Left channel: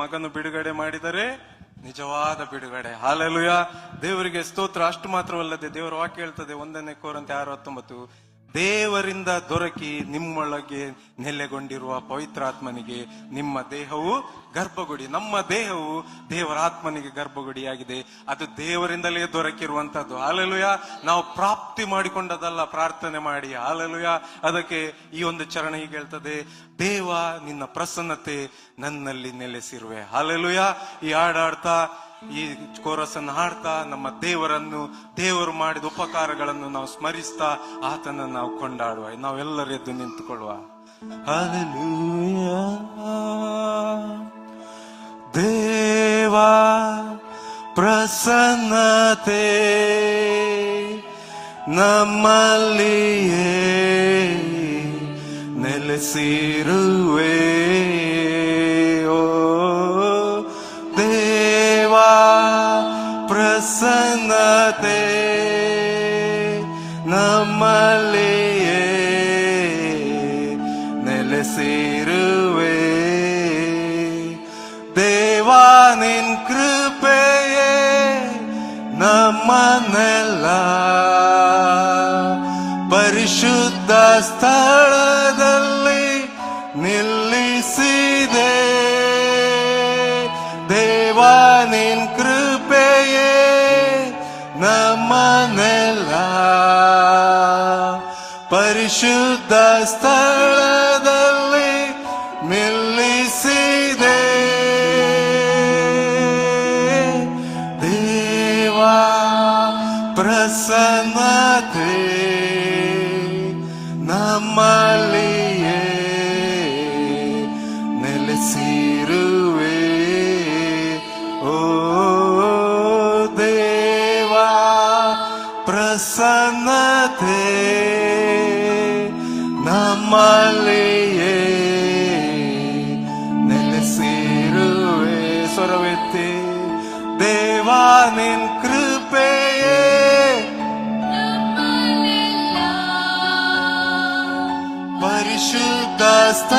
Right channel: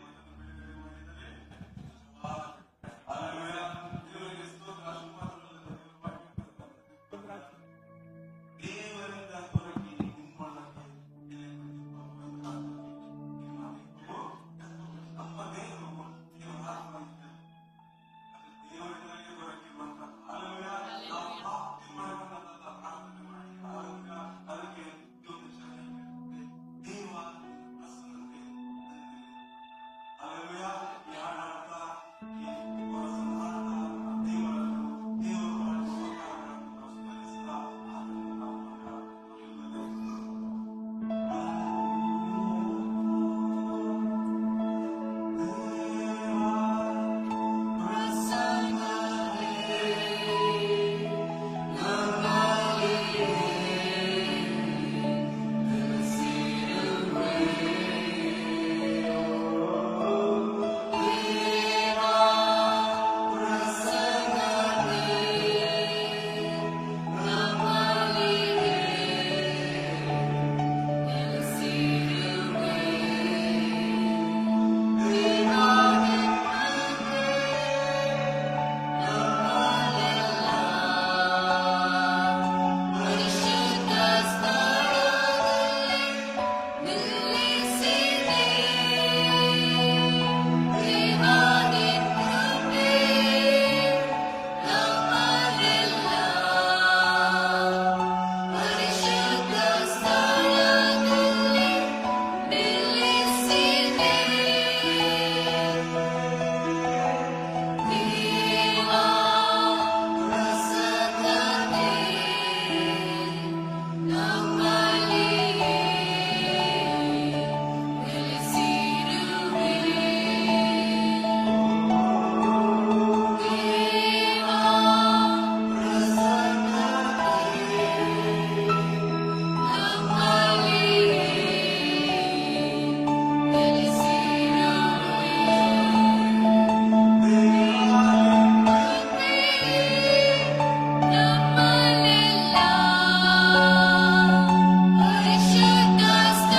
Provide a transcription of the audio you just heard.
ಮಗನು ಬಿಡುಗಡೆ ಮಾಡಿದರೆ ನಿಜವಾದ ಬಿಡುಗಡೆ. ಹಾಲೆಲೂಯ, ದೇವರಿಗೆ ಸ್ತೋತ್ರ. ಅಷ್ಟು ಮಾತ್ರವಲ್ಲದೆ ದೇವರ ವಾಕ್ಯ ಹೇಳ್ತದೆ 1 ಕೊರಿಂಥಿ 6:19, ದೇವರಿಂದ ದೊರಕಿ ನಿಮ್ಮೊಳಗೆ ನೆಲೆಗೊಂಡಿರುವ ಪವಿತ್ರಾತ್ಮನಿಗೆ ನಿಮ್ಮ ದೇಹವು ಗರ್ಭಗುಡಿ. ನಮ್ಮ ದೇಹವು ದೇವರ ಆತ್ಮನಿಗೆ ಗರ್ಭಗುಡಿಯಾಗಿದೆ. ಅದು ದೇವರಿಂದಲೇ ದೊರಕಿರುವಂತದ್ದು. ಹಾಲೆಲೂಯ, ನಾವು ಪ್ರಾಪ್ತಿ ಮಾಡಿಕೊಂಡದಲ್ಲ, ಪ್ರಾರ್ಥನೆ ಮಾಡಿ. ಹಾಲೆಲೂಯ, ಅದಕ್ಕೆ ಈ ಒಂದು ಚರಣ ಹೀಗೆ ಹೇಳ್ತದೆ, ದೇವ ನಿನ್ನ ಪ್ರಸನ್ನತೆ ನನ್ನಲ್ಲಿ ನೆಲೆಸಿರುವೆ. ಹಾಲೆಲೂಯ, ಈ ಹಾಡಾಡ್ತಾ ಈ ಕೋರಸನ್ನು ಹಾಡ್ತಾ ನಮ್ಮ ದೇವರನ್ನು, ದೇವರು ಮಾಡಿದ ಉಪಕಾರಗಳನ್ನು ನಾವು ಸ್ಮರಿಸ್ತಾ ಆತನನ್ನು ನಾವು ಕೊಂಡಾಡುವ. ನಾವೆಲ್ಲರೂ ಎದ್ದು ನಿಂತುಕೊಳ್ಳುವ. ಹಲ್ಲೆಲೂಯಾ, ದೇವ ಪ್ರಸನ್ನತೆ ನಮ್ಮಲ್ಲಿಯೇ ನೆಲೆಸಿರುವೆ. ಪ್ರಸನ್ನತೆ ನಮ್ಮಲ್ಲಿಯೇ ನೆಲೆಸಿರುವೆ. ದೇವಾ ನಿನ್ ಕೃಪೆಯೇ ನಮ್ಮನ್ನೆಲ್ಲ ಪರಿಶುದ್ಧ ಸ್ಥಳದಲ್ಲಿ ನಿಲ್ಲಿಸಿದೆ. ದೇವಾ ನಿನ್ ಕೃಪೆಯೇ ನಮ್ಮನ್ನೆಲ್ಲ ಪರಿಶುದ್ಧ ಸ್ಥಳದಲ್ಲಿ ನಿಲ್ಲಿಸಿದೆ. ದೇವಾ ಪ್ರಸನ್ನತೆ ನಮ್ಮಲ್ಲಿಯೇ ನೆಲೆಸಿರುವೆ. ಓ ದೇವಾ ಪ್ರಸನ್ನತೆ ನಮ್ಮಲ್ಲಿಯೇ ನೆಲೆಸಿರುವೆ. ಸ್ವರವೆತ್ತಿ, ದೇವಾ ನಿನ್ ಕೃಪೆಯೇ ನಮ್ಮನ್ನೆಲ್ಲ ಪರಿಶುದ್ಧ ಸ್ಥಳ